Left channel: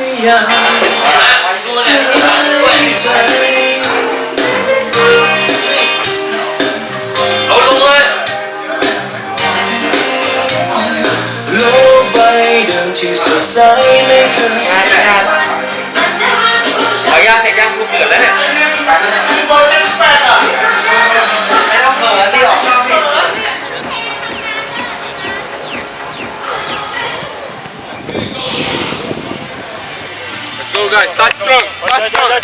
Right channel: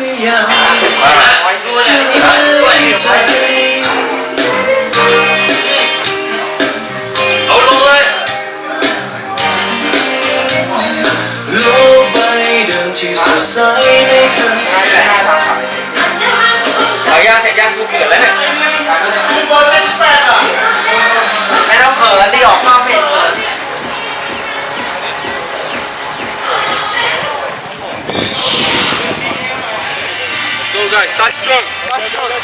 รือยังเลยที่ผ่ายใจเอายโลกใบเดิมที่สดใสไม่เคยเอยาเสร็จยังกูเกิดแล้วเนี่ยไม่ต้องเขินดีออกนอก guys. Start strong. Start strong. Back,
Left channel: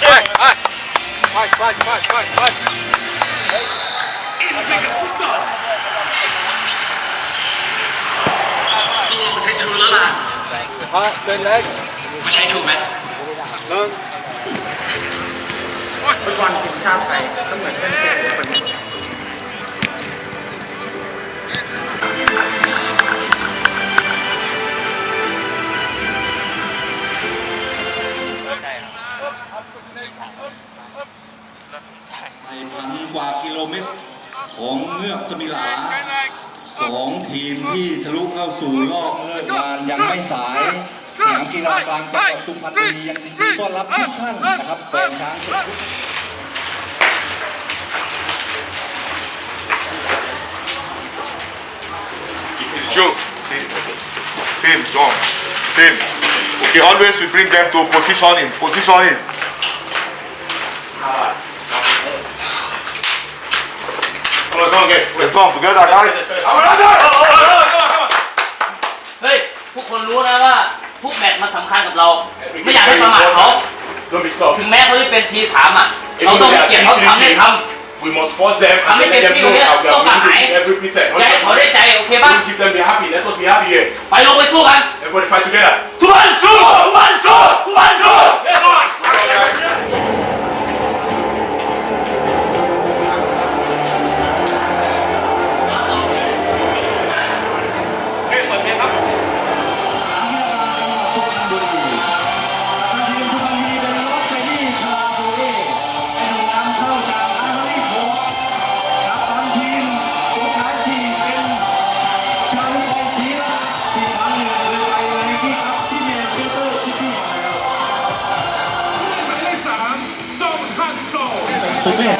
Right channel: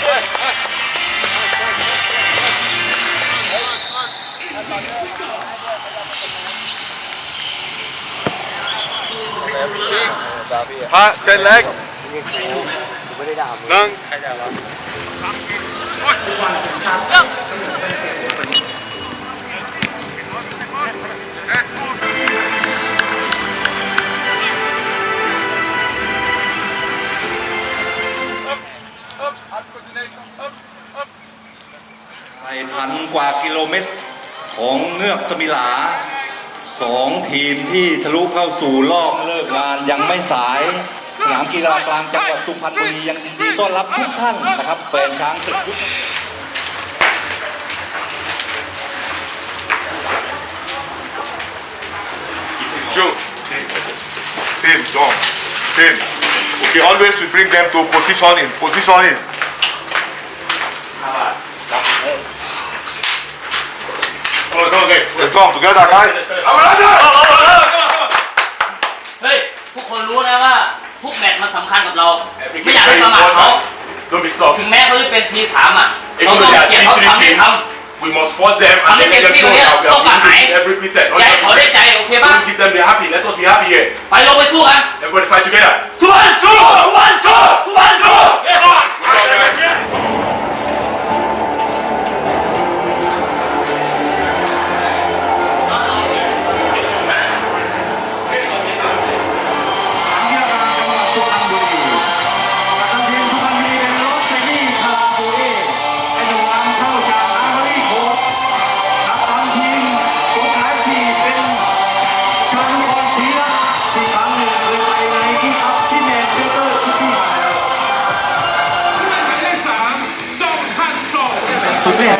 back, back, back, back. chân, trên leg. Nâng. Ôi, quan kiểm tra. Không phải ทีมที่ทะลุเข้าสู่รอบเลิกงานยังไม่สายสนามกีฬากลางจังหวัดสุพรรณบุรียังยินดีต้อนรับทุกท่านนะครับแฟนช้างศึกทุก Joe. Team, go. Team. Okay, always we bring them to position in. Position in. Let's come together, guys. เฮ้ยทุกคนรู้นะว่าทุกแมตช์มันสำคัญกับเรา ไม่อยากให้ประมาทเขา Don't be stopped. ถึงแม้เขาจะเป็นทีสามอะ เราต้องให้เกียรติเขาทำได้ท We must force them Kami and let them kecil know dia, that we kau tak are naik. winning every percent. ำอยากให้เขาได้ใจ โอเคป่ะ Don't give them be happy. Let us be happy here. ไปลงไปสู้กัน Everybody fight together. ทวนสู้ทวนสู้ทวน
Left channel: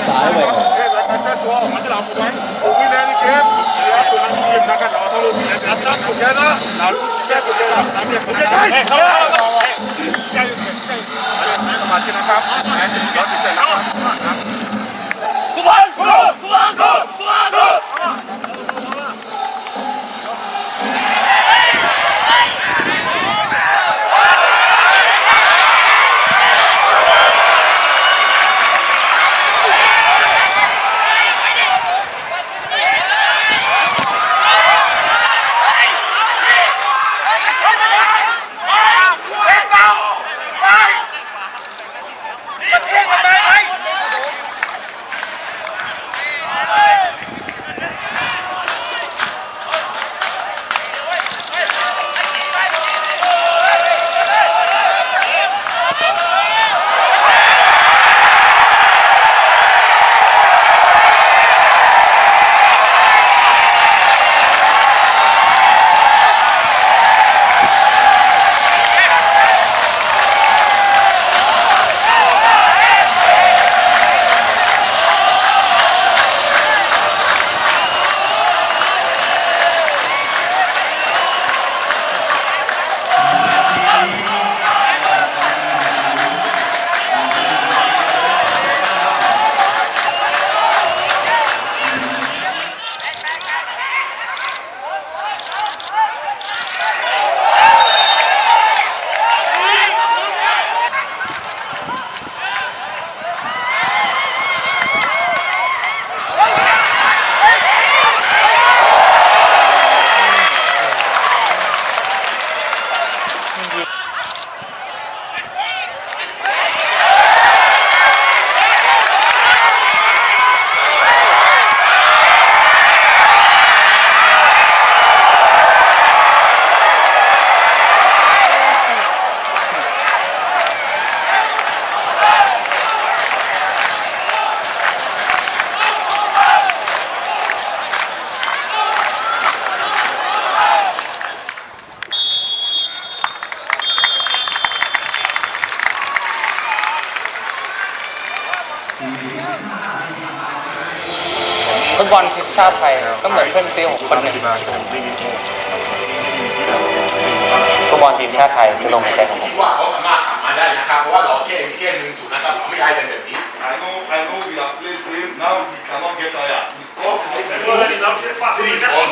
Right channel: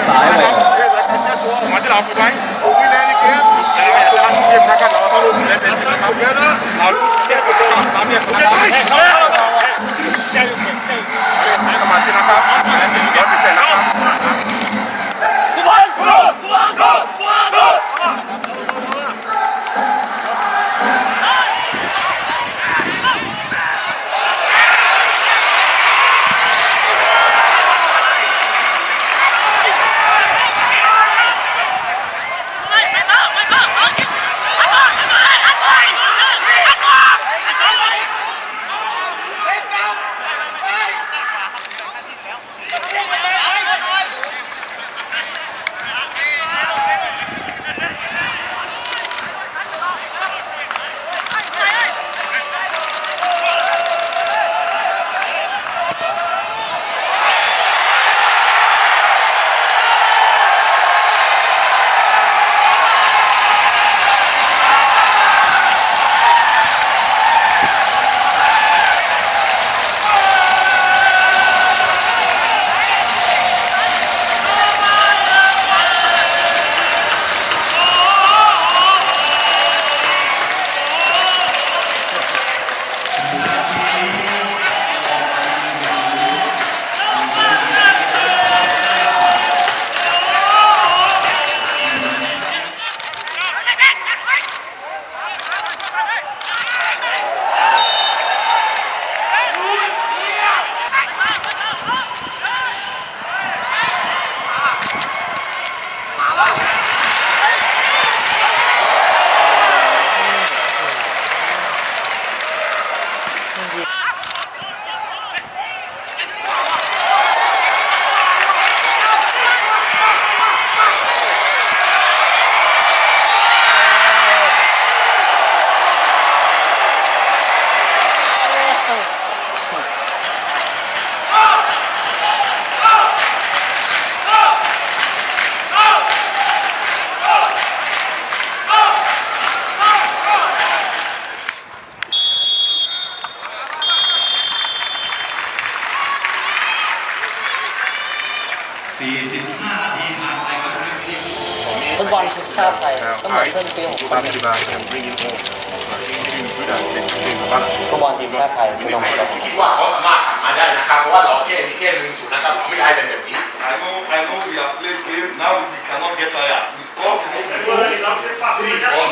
สุดเทพสายแหววเฟุตบอลทีมชาติไทยก็เหมือนเพื่อนซีของคนหนึ่งฟุตบอลทีมชาติไทยคือลงใจผมคิดว่าเขาสามารถทำมาได้นะครับเพราะว่าเราเกมเกมหนึ่งศูนย์นะครับเราไม่ได้เป็นแบบนี้ I know I know we are playing game now we cannot get tired we score three or